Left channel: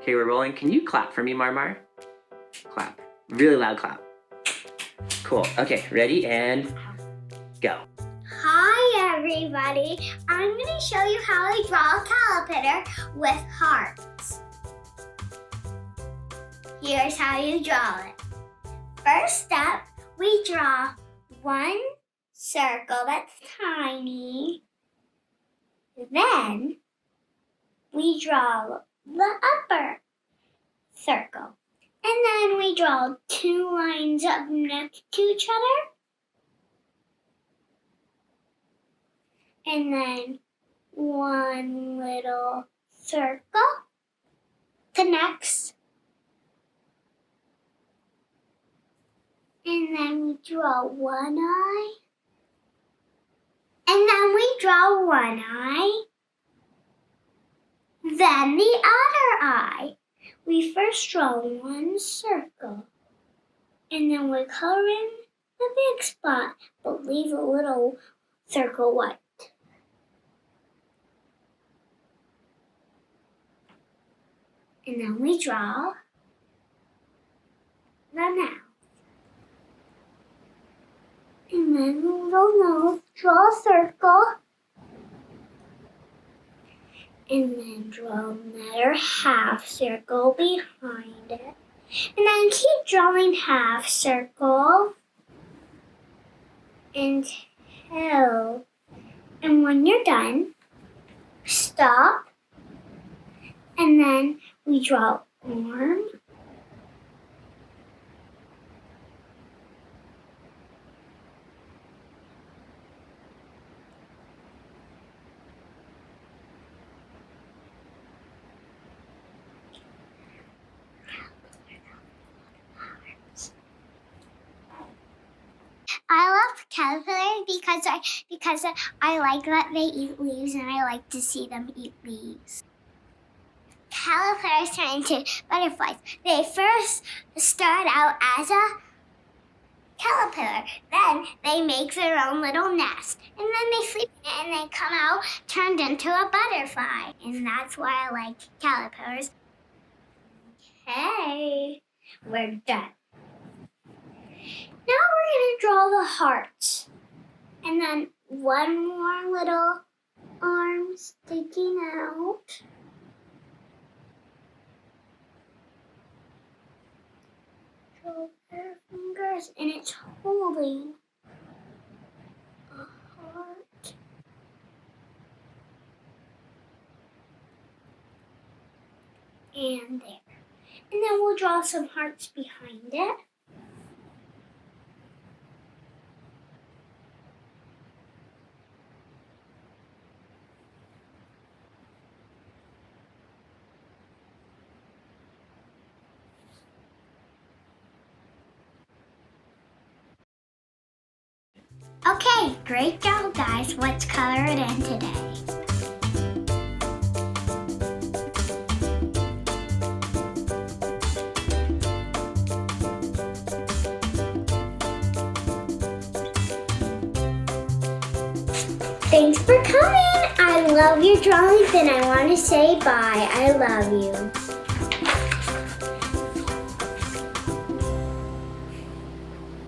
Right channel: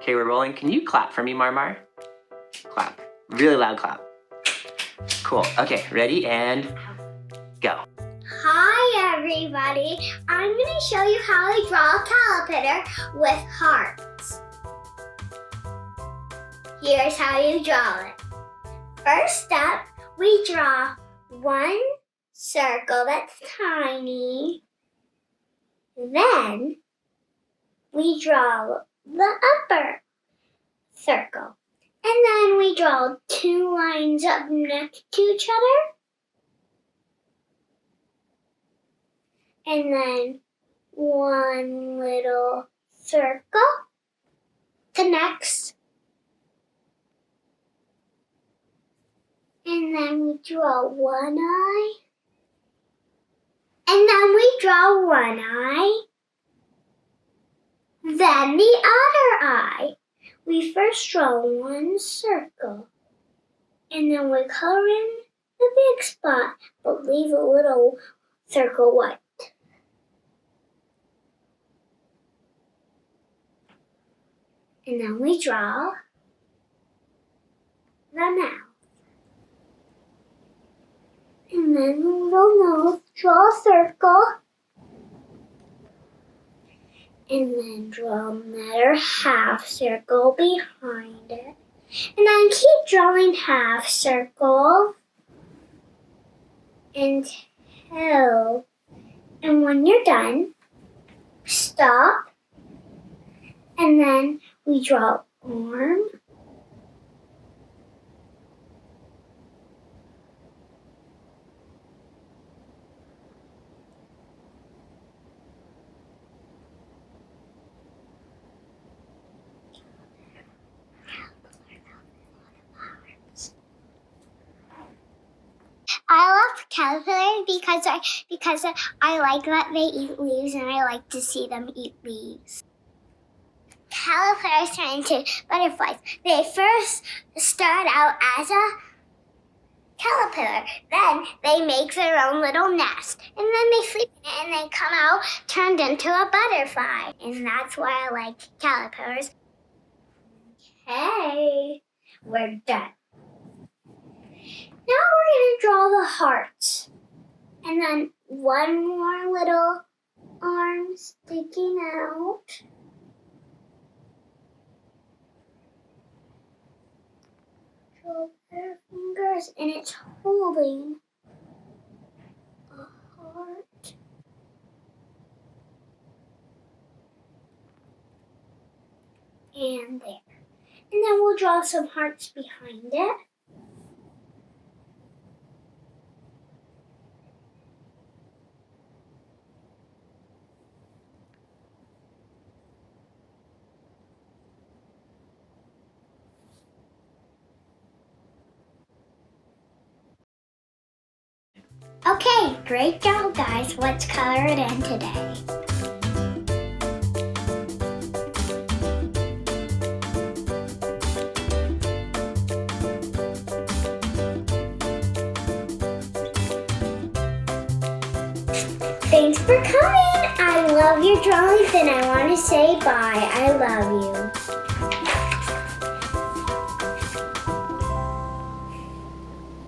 Okay, we're rolling. Can you clap for me, Marmar? Clap. Really loud clap. Cool. Okay, ready and go. Hi everybody, I'm going to show you how to draw a caterpillar with hearts. Here's how you draw it. First step, we draw one circle that's tiny. Then we draw the upper circle. And then we draw two lines up next to each other. And then one little circle connects. And then we draw one eye. And then we draw one eye. Then the other eye. We first draw one circle. And then we color in the big spot, but leave a little circle white. And then we draw the mouth. And then the little nose, draw a circle. And then draw another half circle behind it. And then keep drawing half circle until, and when you're done, stop. And then we draw arm. I love caterpillars because I like that they eat leaves and I like to see them eat leaves. Caterpillars turn into butterflies. They first start out as a caterpillar. Then they make their own little nest. And then they sleep and they come out turned into a butterfly. And that's why I like caterpillars. Okay, we're done. Now we're going to draw the hearts. And then one more little arm sticking out. Draw their fingers and it's holding a heart. And there. And then we'll draw some hearts behind it. Okay, great job guys. Let's color it in today. Thanks for coming. I love your drawings and I want to say bye. I love you.